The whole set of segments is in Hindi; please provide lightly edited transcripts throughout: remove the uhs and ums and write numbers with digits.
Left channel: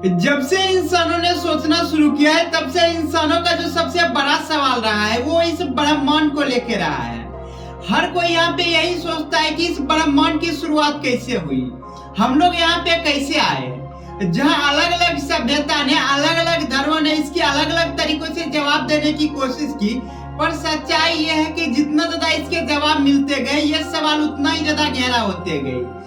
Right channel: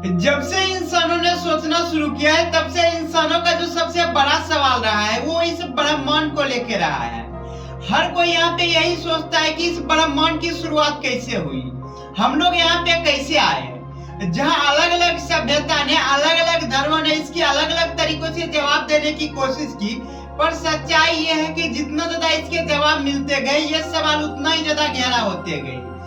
जब से इंसानों ने सोचना शुरू किया है तब से इंसानों का जो सबसे बड़ा सवाल रहा है वो इस ब्रह्मांड को लेके रहा है। हर कोई यहाँ पे यही सोचता है कि इस ब्रह्मांड की शुरुआत कैसे हुई, हम लोग यहाँ पे कैसे आए। जहाँ अलग अलग सभ्यता ने, अलग अलग धर्मों ने इसकी अलग अलग तरीकों से जवाब देने की कोशिश की, पर सच्चाई ये है कि जितना ज्यादा इसके जवाब मिलते गए ये सवाल उतना ही ज्यादा गहरा होते गए।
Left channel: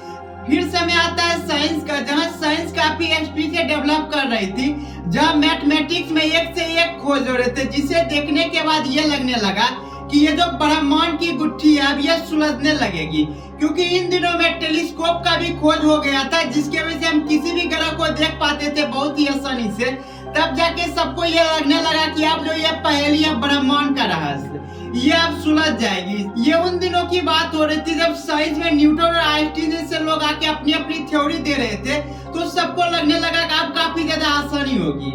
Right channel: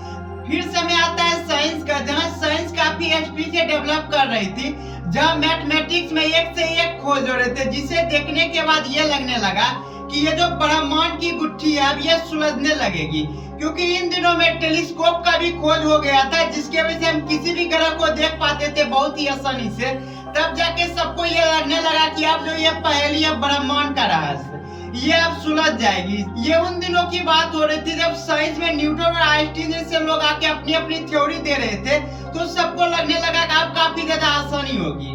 फिर समय आता है साइंस का, जहां साइंस काफी स्पीड से डेवलप कर रही थी, जहां मैथमेटिक्स में एक से एक खोज हो रहे थे, जिसे देखने के बाद ये लगने लगा कि ये जो ब्रह्मांड की गुत्थी है अब ये सुलझने लगेगी, क्योंकि इन दिनों में टेलीस्कोप का भी खोज हो गया था, जिसके वजह से हम किसी भी ग्रह को देख पाते थे बहुत ही आसानी से। तब जाके सबको ये लगने लगा कि अब जो ये पहेली है ब्रह्मांड का रहस्य ये अब सुलझ जाएगी। ये उन दिनों की बात हो रही थी जब साइंस में न्यूटन और आइंस्टीन जैसे लोग आके अपनी अपनी थ्योरी दे रहे थे, तो सबको लगने लगा कि अब काफी ज्यादा आसानी होगी।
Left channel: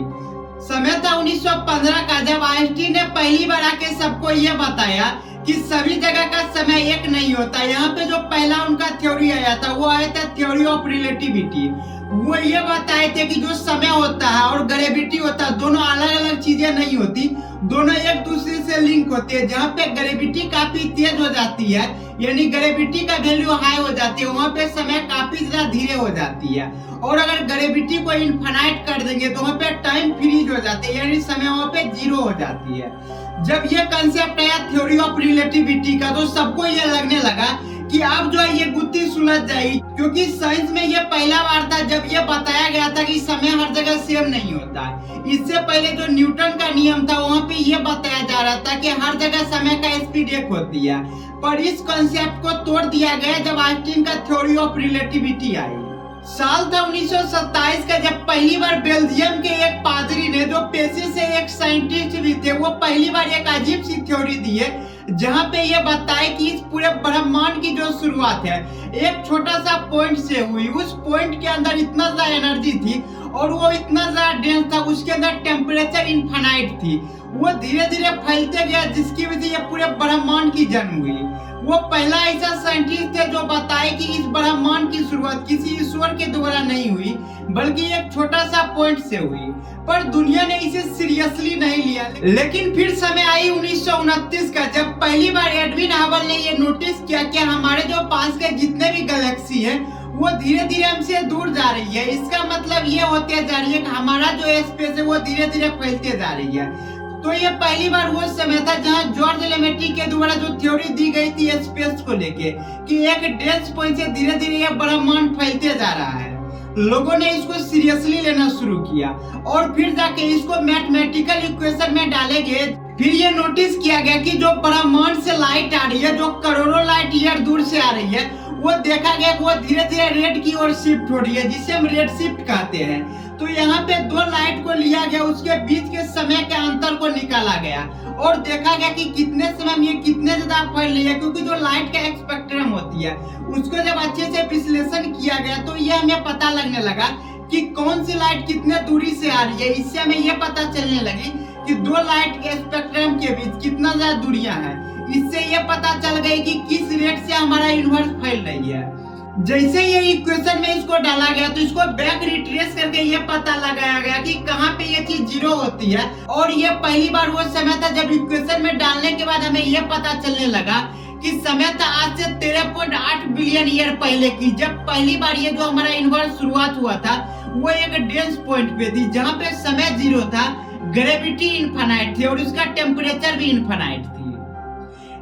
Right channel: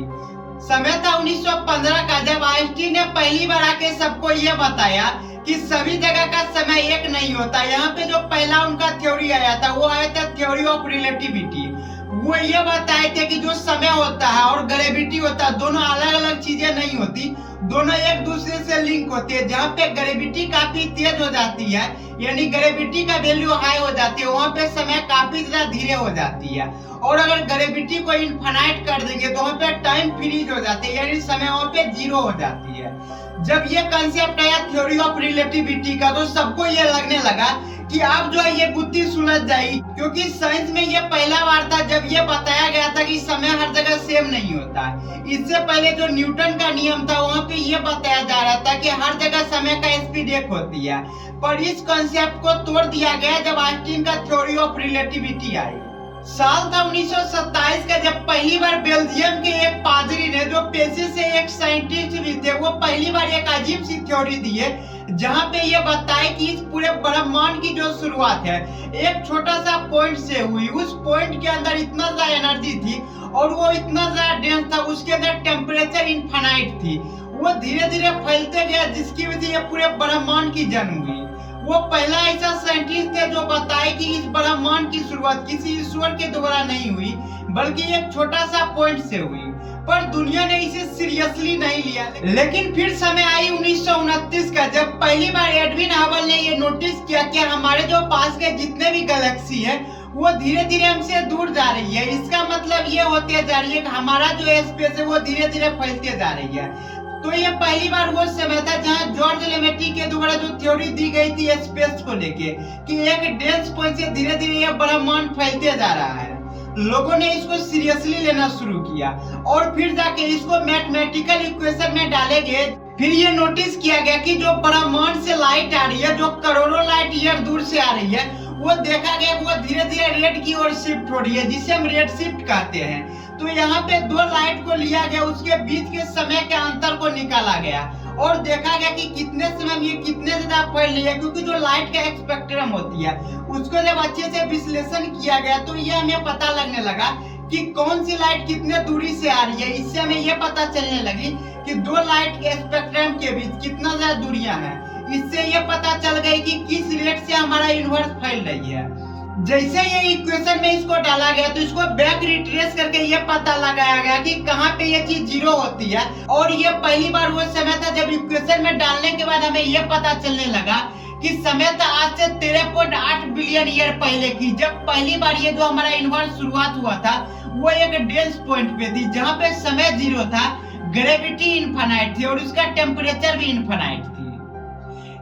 समय था 1915 का, जब आइंस्टीन ने पहली बार आके सबको ये बताया कि सभी जगह का समय एक नहीं होता। यहाँ पे जो पहला उनका थ्योरी आया था वो आया था थ्योरी ऑफ रिलेटिविटी। वो ये बताए थे कि जो समय होता है और ग्रेविटी होता है दोनों अलग अलग चीजें नहीं होती, दोनों एक दूसरे से लिंक होते हैं। जहाँ पे ग्रेविटी काफी तेज हो जाती है, यानी ग्रेविटी का वैल्यू हाई हो जाती है, वहाँ पे समय काफी ज्यादा धीरे हो जाती है। और अगर ग्रेविटी को इनफाइनाइट कर देंगे तो वहाँ पे टाइम फ्रीज हो जाती है, यानी समय वहाँ पे जीरो हो जाती है। जब ये कंसेप्ट आया थ्योरी ऑफ रिलेटिविटी का, तो सबको ये लगने लगा कि अब जो है ये गुत्थी सुलझ जाएगी, क्योंकि साइंस में ये पहला बार था जब ये बताया गया था कि समय हर जगह सेम नहीं होता है। इससे पहले जो न्यूटन का नियम था वहाँ पे ये बताया जा रहा था कि हर जगह समय का स्पीड एक होती है, पर इस कंसेप्ट को तोड़ दिया गया जब आइंस्टीन का थ्योरी ऑफ रिलेटिविटी आई। साल था 1927 का, जब पहली बार बेल्जियम के एक पादरी ने, जो पेशे से एक साइंटिस्ट भी थे, वो पहली बार एक अजीब सी थ्योरी दी है, जहां पे ये बताए कि इस पूरे ब्रह्मांड की जो शुरुआत है एक छोटा सा पॉइंट से हुई। उस पॉइंट के अंदर इतना ज्यादा एनर्जी थी और वो इतना ज्यादा डेंस था, उसके अंदर टेम्परेचर इनफाइनाइट थी, वो धीरे धीरे फैलते गया, जिसकी वजह से ये पूरे ब्रह्मांड की जन्म हुई। वो पहला ऐसा साइंटिस्ट थे जो बताए कि इस ब्रह्मांड की शुरुआत किसी ईश्वर के द्वारा नहीं हुई, बल्कि एक छोटा सा पॉइंट से हुई। पर दुनिया ने इसे सीरियसली नहीं लिया। लेकिन फिर समय आई 1929 का, जब पहली बार एडविन हबल ने ये नोटिस किया कि हमारे जो पास के जितने भी गैलेक्सी है वो धीरे धीरे हमसे दूर जा रही है। इसका मतलब ये होते जा रही है कि हमारा जो स्पेस है वो धीरे धीरे फैलते जा रही है। तो ये पहली बार वो समय था जहां जॉर्ज लेमेटी के द्वारा जो थ्योरी दी गई थी स्पेस को लेके कि एक डेंस पॉइंट से धीरे धीरे ये ब्रह्मांड फैलते जा रहा है, लोगों ने इसको सीरियसली लेना शुरू किया और फिर जाके इसको मैथमेटिकल इक्वेशन में डाले गए। फिर ये नोटिस किया गया कि जो ब्रह्मांड से लाइट आ रही है, जो करोड़ों लाइट ईयर दूर से आ रही है, वो देखा गया कि वो धीरे धीरे रेड की ओर शिफ्ट हो रही है, जिसे हम रेड शिफ्ट कहते हैं। तो यहाँ पे दो लाइट को लिया गया, उसके बीच के समय के अंतर को निकाला गया और देखा गया कि कितने समय में ये कितने ज्यादा फैल रही है, क्योंकि जो लाइट का स्पेक्ट्रम होती है उसको जब अच्छे से विश्लेषण किया गया तो ये हमें पता लगने लगा कि कौन सी लाइट कितने दूरी से आ रही है। इससे हमें ये पता चलने लगी कि दो लाइट के स्पेक्ट्रम के बीच कितना ज्यादा दूरियां हैं। इससे ये पता चल गई कि किस रेट से हमारा यूनिवर्स फैल रही है। जैसे ये इक्वेशन में इसको डाला गया तो इसको बैक रिट्रेस करके ये पता लगाया गया कि कहाँ पे ये चीज जीरो होती है। और ये पहली बार वो समय था जब इक्वेशन में डालने के बाद हमें ये पता चलने लगा कि समय था आज से 13.8 बिलियन ईयर पहले की, जब पहली बार ये जो हमारा यूनिवर्स शुरुआत हुआ था वो एक डेंस पॉइंट पे थी, जहाँ पे समय जीरो था, ग्रेविटी इनफाइनाइट थी और उसका टेम्परेचर भी इनफाइनाइट थी।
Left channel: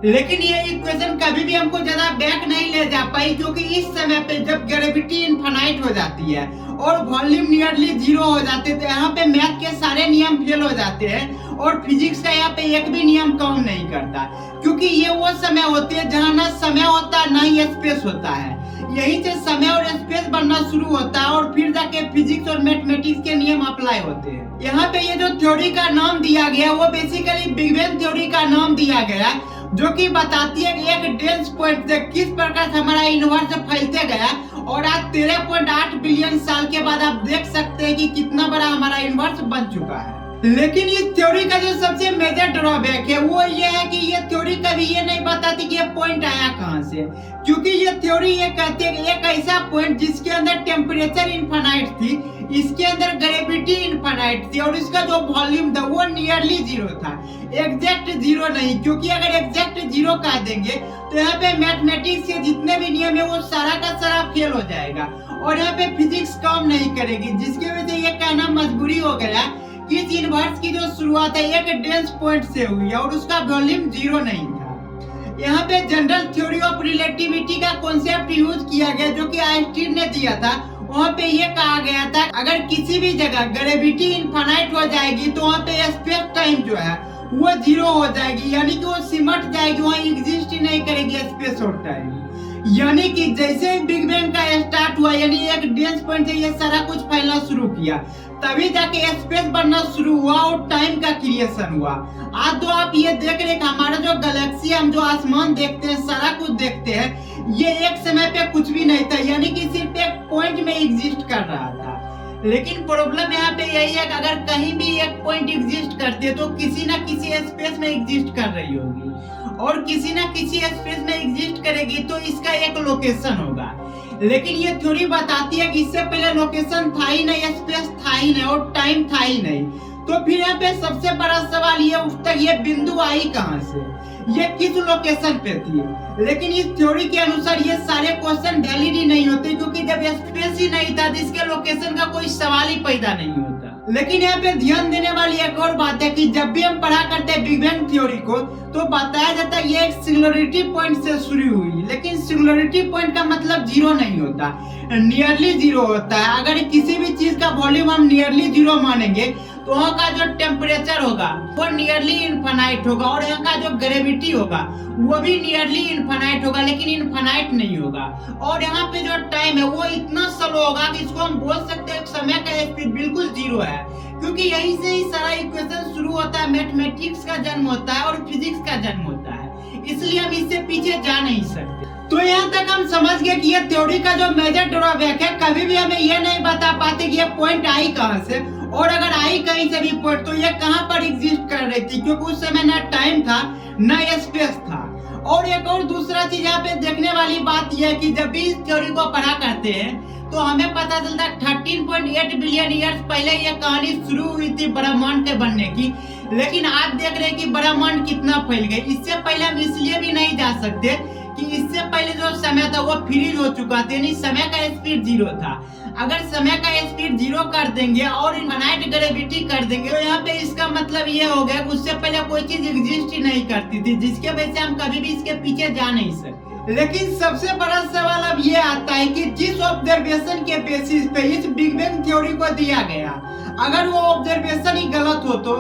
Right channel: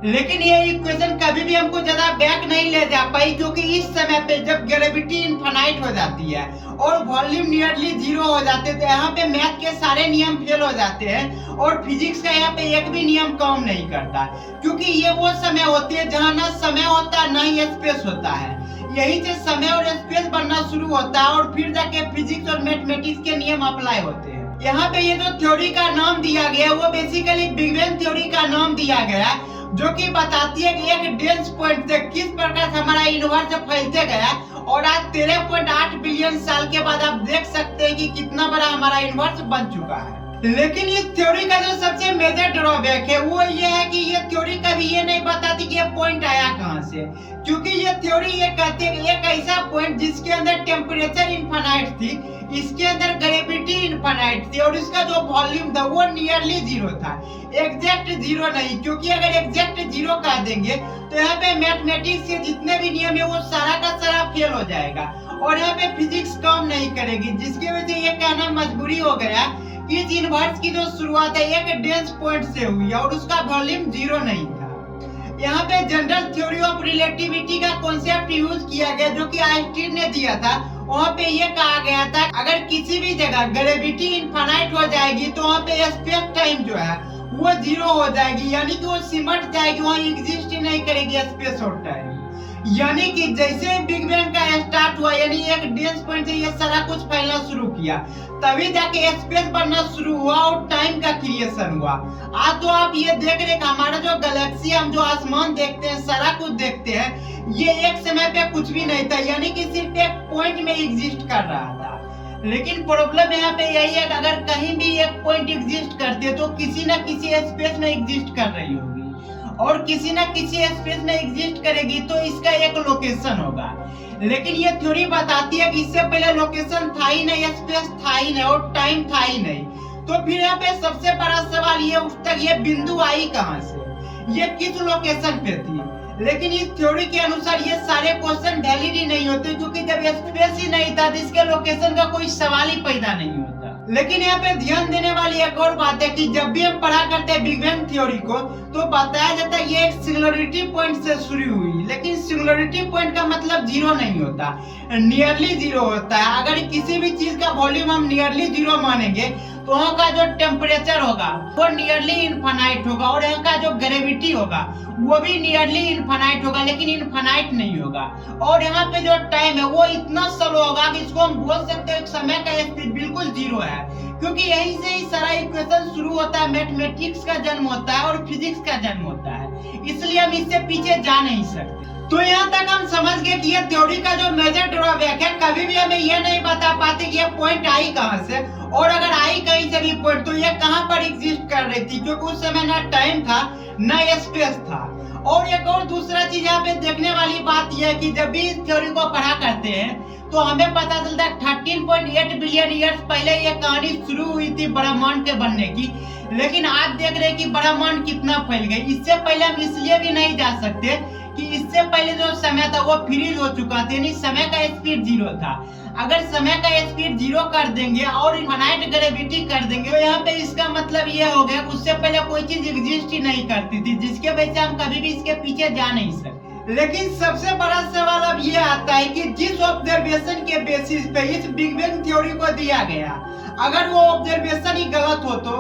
लेकिन ये इक्वेशन कभी भी हमको ज्यादा बैक नहीं ले जा पाई, क्योंकि इस समय पे जब ग्रेविटी इनफाइनाइट हो जाती है और वॉल्यूम नियरली जीरो हो जाते हैं तो यहाँ पे मैथ के सारे नियम फेल हो जाते हैं और फिजिक्स का यहाँ पे एक भी नियम काम नहीं करता, क्योंकि ये वो समय होते हैं जहाँ ना समय होता है ना ही स्पेस होता है। यही से समय और स्पेस बनना शुरू होता है और फिर जाके फिजिक्स और मैथमेटिक्स के नियम अप्लाई होते हैं। यहाँ पे ये जो थ्योरी का नाम दिया गया वो बेसिकली बिग बैंग थ्योरी का नाम दिया गया, जो कि बताती है कि एक डेंस पॉइंट से किस प्रकार से हमारा यूनिवर्स फैलते गया और आज 13.8 बिलियन साल के बाद आप देख सकते हैं कि कितना बड़ा हमारा यूनिवर्स बन चुका है। लेकिन इस थ्योरी का जो सबसे मेजर ड्रॉबैक है वो ये है कि ये थ्योरी कभी ये नहीं बताती कि ये पॉइंट आया कहाँ से, क्योंकि ये थ्योरी ये कहती है कि एक ऐसा पॉइंट जिसके अंदर टेम्परेचर इनफाइनाइट थी, इसके अंदर ग्रेविटी इनफाइनाइट थी और इसका जो वॉल्यूम था वो नियरली जीरो था, एग्जैक्ट जीरो नहीं, क्योंकि अगर एग्जैक्ट जीरो कह देंगे तो यहाँ पे मैथमेटिक्स के जितने भी नियम है वो सारा का सारा फेल हो जाएगा और यहाँ पे फिजिक्स काम नहीं करेगी, जिसकी वजह से ये कहना मजबूरी हो गया कि इस यूनिवर्स की जो शुरुआत है एक डेंस पॉइंट से हुई है और उसका वॉल्यूम जीरो नहीं था। यहाँ पे जनरल थ्योरी ऑफ रिलेटिविटी का कॉन्सेप्ट यूज किया गया जो कि आइंस्टीन ने दिया था। वहाँ पे ये कहा गया था अगर किसी भी जगह ग्रेविटी इनफाइनाइट हो जाएगी तो वहाँ पे स्पेस टाइम जो है वो जीरो हो जाएगी, यानी कि वो सिमट जाएगी, वहाँ एग्जिस्ट ही नहीं करेगी स्पेस और टाइम। यानी कि जैसे बिग बैंग का स्टार्ट हुआ यानी एक डेंस पॉइंट से ये सारा कुछ फैलना शुरू किया, तभी जाके स्पेस बनना शुरू हुआ और टाइम का क्रिएशन हुआ। आज तो आप ये देख रहे हैं हमारा जो गैलेक्सी हम जो आसमान देखते हैं सारा कुछ देखते हैं, ये एक समय पे कुछ भी नहीं था, यानी कि सिर्फ एक पॉइंट में एग्जिस्ट कर रहा था। लेकिन प्रॉब्लम यहाँ पे यही है कि अगर कहीं भी एक पॉइंट एग्जिस्ट करती है तो किसी ना किसी स्पेस में एग्जिस्ट कर रही होगी और किसी ना किसी स्पेस में एग्जिस्ट करेगी तो इसका एक लोकेशन होगा। लेकिन ये थ्योरी बताती है कि इससे पहले लोकेशन था ही नहीं, स्पेस था ही नहीं और टाइम था ही नहीं। तो फिर यहाँ पे सबसे बड़ा सवाल ये उठता है ये बिंदु आई कहाँ से, ये किस लोकेशन पे थी। लेकिन इस थ्योरी के अनुसार ये सारे क्वेश्चन वैलिड ही नहीं होते, क्योंकि जब स्पेस ही नहीं था तो इसके लोकेशन का कोई सवाल ही पैदा नहीं होता। लेकिन यहाँ पे ध्यान देने वाली एक और बात है कि जब भी हम पढ़ा करते हैं बिग बैंग थ्योरी को तो बताया जाता है ये एक सिंगुलरिटी पॉइंट से शुरू हुई, लेकिन सिंगुलरिटी पॉइंट का मतलब जीरो नहीं होता, नियरली जीरो होता है। अगर किसी भी चीज का वॉल्यूम हम नियरली जीरो मानेंगे तो वहाँ का जो टेम्परेचर होगा वो नियरली इनफाइनाइट होगा और यहाँ का जो ग्रेविटी होगा वो भी नियरली इनफाइनाइट होगा, लेकिन इनफाइनाइट नहीं होगा। और यहाँ पे जो टाइम है वो इतना स्लो होगा कि इसको हम बोल सकते हैं समय का स्पीड बिल्कुल जीरो है, क्योंकि यहीं से ही सारा इक्वेशन शुरू होता है, मैथमेटिक्स का जन्म होता है और फिजिक्स का जन्म होता है, इसलिए हम इससे पीछे जा नहीं सकते। तो यहाँ तक हम समझ गए कि ये थ्योरी का जो मेजर ड्रॉबैक है, कभी भी हमें ये नहीं बता पाते कि ये पॉइंट आई कहाँ से, और अगर आई कहीं से भी पॉइंट तो ये कहाँ पर एग्जिस्ट कर रही थी, क्योंकि उस समय न टाइम था न स्पेस था। और एक और दूसरा चीज यहाँ पे देखने वाली बात यह है कि जब भी इस थ्योरी को पढ़ा करते हैं तो हमें पता चलता है 13.8 बिलियन ईयर्स पहले ये कहानी शुरू हुई थी ब्रह्मांड के बनने की। लेकिन आज देख रहे हैं कि ब्रह्मांड कितना फैल गए। इससे पहले हम इसलिए भी नहीं जा सकते कि इससे पहले जो समय था वो फ्रीज हो चुका था, यानी समय का स्पीड जीरो था। अगर समय का स्पीड जीरो कर देंगे और इनफाइनाइट ग्रेविटी कर देंगे तो यहाँ पे इसका मतलब ये हो गया कि उससे पहले कोई चीज एग्जिस्ट ही नहीं करती थी, जिसके वजह से हम कभी भी इसके पीछे जा नहीं सकते। लेकिन सबसे बड़ा सवाल अब ये आता है कि जिस ऑब्जर्वेशन के बेसिस पे इस बिग बैंग थ्योरी को दिया गया, अगर वो ऑब्जर्वेशन ही गलत हो तो,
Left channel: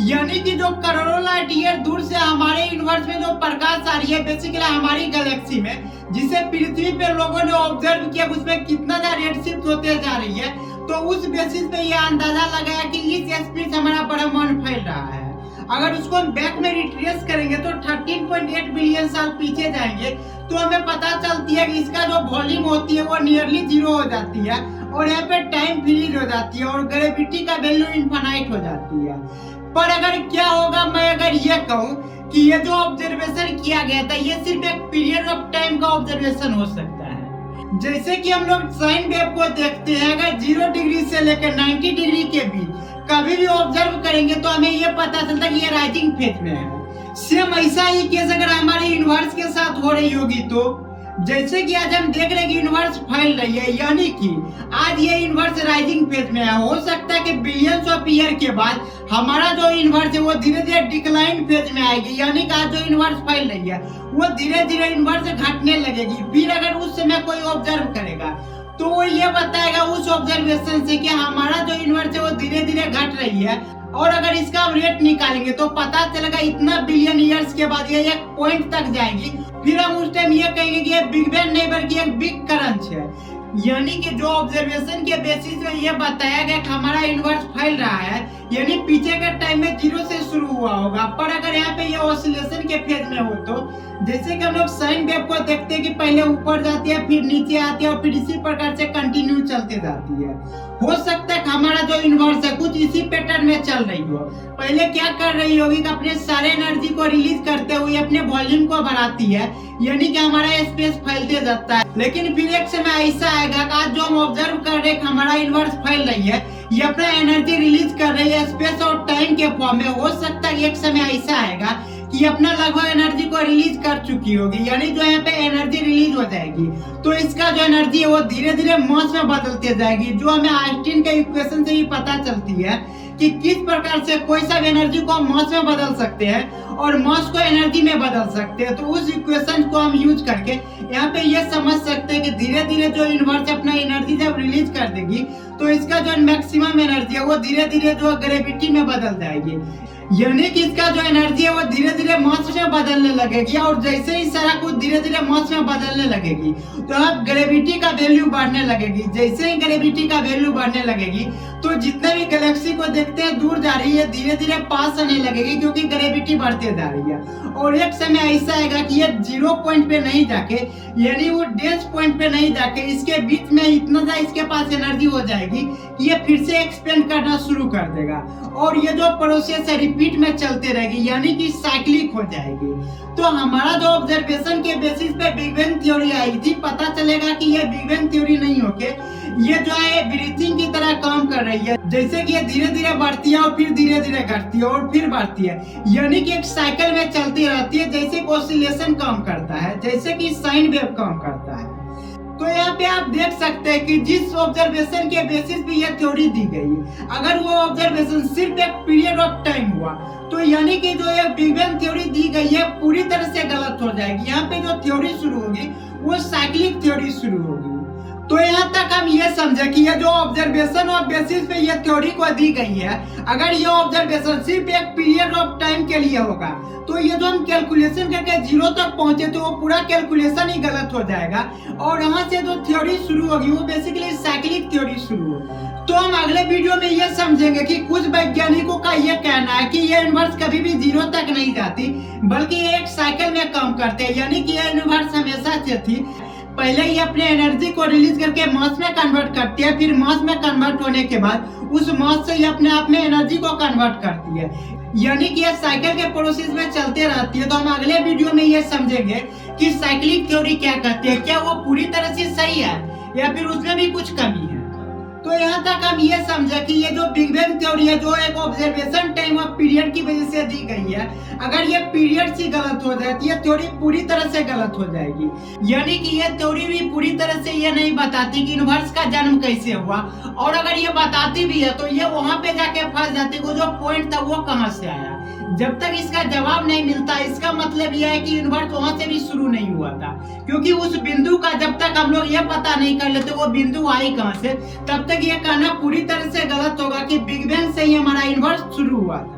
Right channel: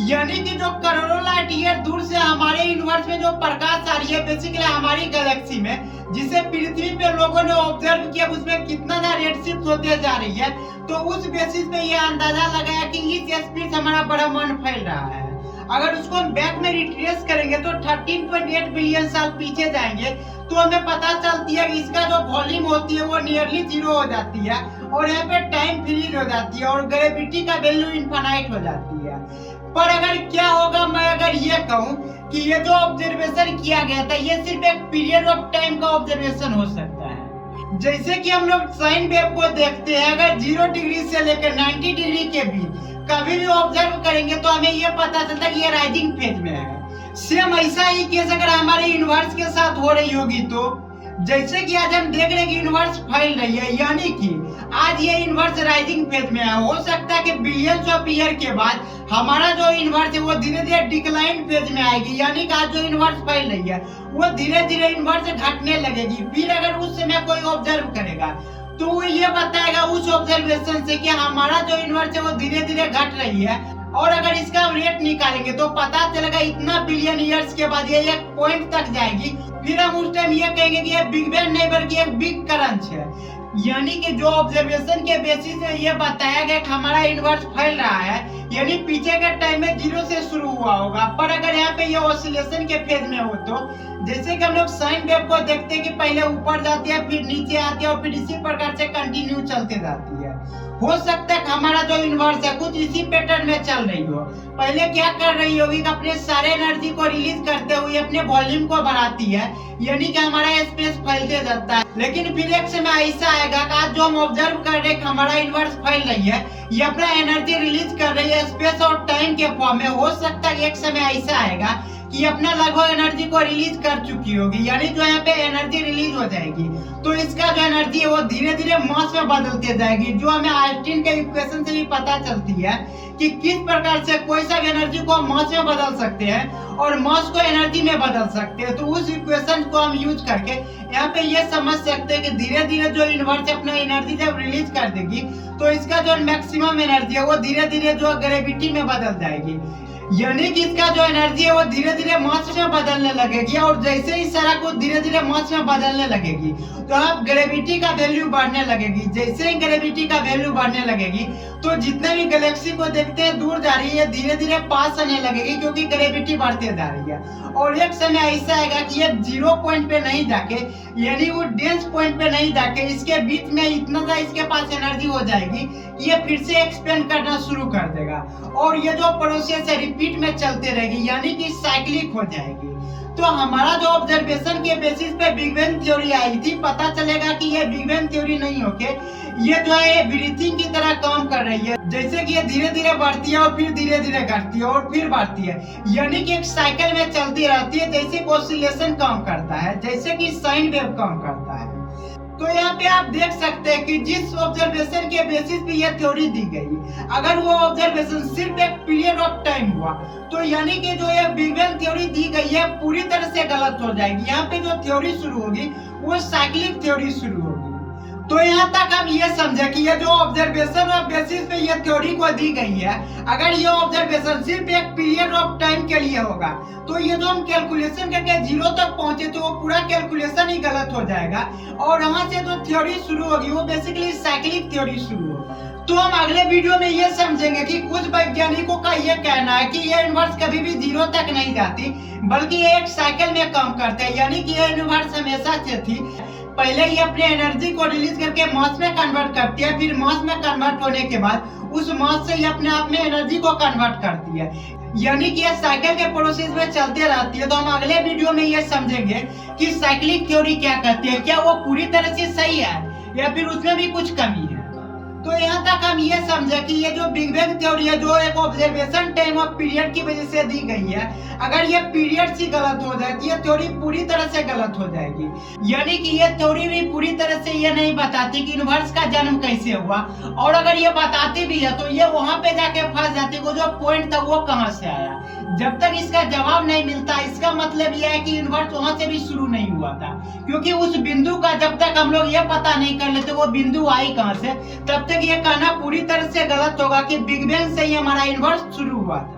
यानी कि जो करोड़ों लाइट ईयर दूर से हमारे यूनिवर्स में जो प्रकाश आ रही है बेसिकली हमारी गैलेक्सी में, जिसे पृथ्वी पे लोगों ने ऑब्जर्व किया उसमें कितना ज्यादा रेड शिफ्ट होते जा रही है, तो उस बेसिस पे ये अंदाजा लगाया कि इस स्पीड से हमारा ब्रह्मांड फैल रहा है। अगर उसको हम बैक में रिट्रेस करेंगे तो 13.8 बिलियन साल पीछे जाएंगे तो हमें पता चलती है कि इसका जो वॉल्यूम होती है वो नियरली जीरो हो जाती है और यहाँ पे टाइम फ्रीज हो जाती है और ग्रेविटी का वैल्यू इनफाइनाइट हो जाती है। पर अगर क्या होगा, मैं अगर ये कहूँ कि ये जो ऑब्जर्वेशन किया गया था ये सिर्फ एक पीरियड ऑफ टाइम का ऑब्जर्वेशन हो सकता है। जैसे कि हम लोग साइन वेव को देखते हैं, अगर 0 डिग्री से लेकर 90 डिग्री के बीच कभी भी ऑब्जर्व करेंगे तो हमें ये पता चलता है कि ये राइजिंग फेज में है। सेम ऐसा ही केस अगर हमारे यूनिवर्स के साथ हो रही होगी तो जैसे कि आज हम देख रहे हैं कि यूनिवर्स फैल रही है, यानी कि आज ये यूनिवर्स राइजिंग फेज में है। हो सकता है कि बिलियंस ऑफ ईयर के बाद हमारा जो यूनिवर्स है वो धीरे धीरे डिक्लाइन फेज में आएगी, यानी कि आज जो यूनिवर्स फैल रही है वो धीरे धीरे यूनिवर्स घटने लगेगी। फिर अगर उस समय कोई ऑब्जर्व करेगा तो वो ये बताएगा उस ऑब्जर्वेशन से कि हमारा जो यूनिवर्स है वो धीरे धीरे घट रही है, और अगर इसका रेट निकालेंगे तो पता चलेगा इतना बिलियन ईयर्स के बाद ये एक पॉइंट तक जाएगी। फिर हम उस टाइम ये कहेंगे कि ये बिग बैंग नहीं बल्कि एक बिग क्रंच है। यानी कि जो ऑब्जर्वेशन के बेसिस पे ये बताया गया कि हमारा यूनिवर्स फैल रहा है, यानी पीछे के टाइम में 0 से शुरू हुआ होगा। पर अगर यहाँ पे ये ऑसिलेशन के फेज में हो तो जैसे कि हम लोग साइन वेव को देखते हैं कि पहले ऊपर जाती है फिर नीचे आती है और फिर इसी प्रकार से कंटिन्यू चलते जाती है। हो सकता है कि हमारा जो यूनिवर्स है कुछ इसी पैटर्न में चल रही हो। पहले क्या कर रही होगी कि अपने सारे एनर्जी को रिलीज करते हुए अपने वॉल्यूम को बढ़ाती है, यानी कि हमारा स्पेस फैलते जाता है। लेकिन फिर एक समय ऐसा आएगा कि आज जो हम ऑब्जर्व कर रहे हैं कि हमारा यूनिवर्स फैल रही है, ये अपना एनर्जी रिलीज कर रही है स्पेस और टाइम के फॉर्म में। हो सकता है एक समय ऐसा आएगा कि अपना लगभग एनर्जी को रिलीज कर चुकी होगी, यानी जो यहाँ पे एनर्जी रिलीज हो जाएगी तो इसका जो एनर्जी है वो धीरे धीरे मास में बदलती जाएगी, जो हमें आइंस्टीन के इक्वेशन से भी पता चलती है कि किस प्रकार से कोई सा एनर्जी को मास में बदल सकते हैं और मास को एनर्जी में बदल सकते हैं। तो उस इक्वेशन को हम यूज करके यहाँ पे ये समझ सकते हैं कि धीरे धीरे जो यूनिवर्स अपना एनर्जी जब रिलीज कर देगी तो इसका जो मैक्सिमम एनर्जी है वो धीरे धीरे जो ग्रेविटी में बदल जाएगी, यानी कि इसका जो एनर्जी है वो धीरे धीरे मास में बदलने लगेगी। और जैसे ही सारा कुछ धीरे धीरे मास में बदलने लगेगी तो अब ग्रेविटी का वैल्यू बढ़ने लगेगी। जैसे ही ग्रेविटी का वैल्यू बढ़ने लगेगी तो जितने भी गैलेक्सी को देखते हैं दूर जा रही है, धीरे धीरे पास आने लगेगी, क्योंकि ग्रेविटी बढ़ते जा रही है। और एक समय ऐसा आएगा कि ये 0 पॉइंट पे नहीं जाके, यानी वो डेंस पॉइंट पे नहीं जाके, इसके बीच में इतना सा इसके पास एनर्जी हो जाएगी कि ये फिर से एक्सपेंड करना शुरू कर देगा और ये जो प्रोसेस है रिपीट में चलते रहेगी, यानी कि साइक्लिक हो जाएगी। तो हमारा जो ऑब्जर्वेशन के बेसिस पे बिग बैंग थ्योरी आई थी, पता चलेगा कि ये बिग बैंग थ्योरी नहीं होके ये जो है ब्रीथिंग की तरह काम कर रही है। जैसे कि ये धीरे धीरे बढ़ती है और फिर धीरे धीरे घटती है और फिर बढ़ती है, यानी कि एक साइकिल में चलती रहती है, जैसे कि ऑसिलेशन काम करता है, जैसे कि साइन वेव काम करता है। तो यहाँ पे आप देख सकते हैं कि जिस ऑब्जर्वेशन के बेसिस पे ये थ्योरी दी गई, अगर वो ऑब्जर्वेशन सिर्फ एक पीरियड ऑफ टाइम हुआ तो यानी कि जो ये बिग बैंग थ्योरी दी गई है पूरी तरह से गलत हो जाएगी। यहाँ पे जो थ्योरी शुरू होगी वो साइक्लिक थ्योरी शुरू होगी। तो यहाँ तक हम ये समझे कि ये जो ऑब्जर्वेशन और बेसिस पे ये थ्योरी को दी गई है, अगर ये ऑब्जर्वेशन सिर्फ एक पीरियड ऑफ टाइम के लिए होगा तो ये जो हम कैलकुलेशन करके 0 तक पहुंचे तो वो पूरा कैलकुलेशन ही गलत हो जाएगा और यहाँ से जो थ्योरी शुरू होगी वो बेसिकली साइक्लिक थ्योरी शुरू होगी। तो हम अगले वीडियो में ये समझेंगे कि कुछ वैज्ञानिकों का ये कहना है कि ये यूनिवर्स कभी भी 0 तक नहीं जाती, बल्कि ये एक साइकिल में काम करते हैं, यानी कि ये यूनिवर्स हमेशा से थी। पहले ये अपने एनर्जी को रिलीज करके मास में कन्वर्ट करती है, फिर मास में कन्वर्ट होने के बाद उस मास से ये अपने आप में एनर्जी को कन्वर्ट करती है, यानी कि ये साइकिल के प्रोसेस में चलते रहती है। तो हम अगले वीडियो में ये समझेंगे कि साइक्लिक थ्योरी क्या कहती है, क्या वो पूरी तरह से सही है या फिर उसमें भी कुछ कमी है। तो यहाँ तक हम ये समझे कि ये जो बिग बैंग थ्योरी है जो एक ऑब्जर्वेशन टाइम ऑफ पीरियड की वजह से दी गई है, अगर ये पीरियड ही गलत हो जाए तो ये थ्योरी पूरी तरह से गलत हो जाएगी। यानी कि ये थ्योरी भी पूरी तरह से ये नहीं बताती कि यूनिवर्स का जन्म कैसे हुआ, और अगर ये बताती भी है तो ये वहां पे जाके फंस जाती वो जो पॉइंट था वो कहाँ से आया। जब तक इसका जवाब नहीं मिलता इसका मतलब यह है कि यूनिवर्स वहां से भी शुरू नहीं हुआ था, क्योंकि उस बिंदु का जब तक हम लोग ये पता नहीं कर लेते वो बिंदु आई कहाँ से, तब तक ये कहना पूरी तरह से गलत होगा कि बिग बैंग से ही हमारा यूनिवर्स शुरू हुआ था।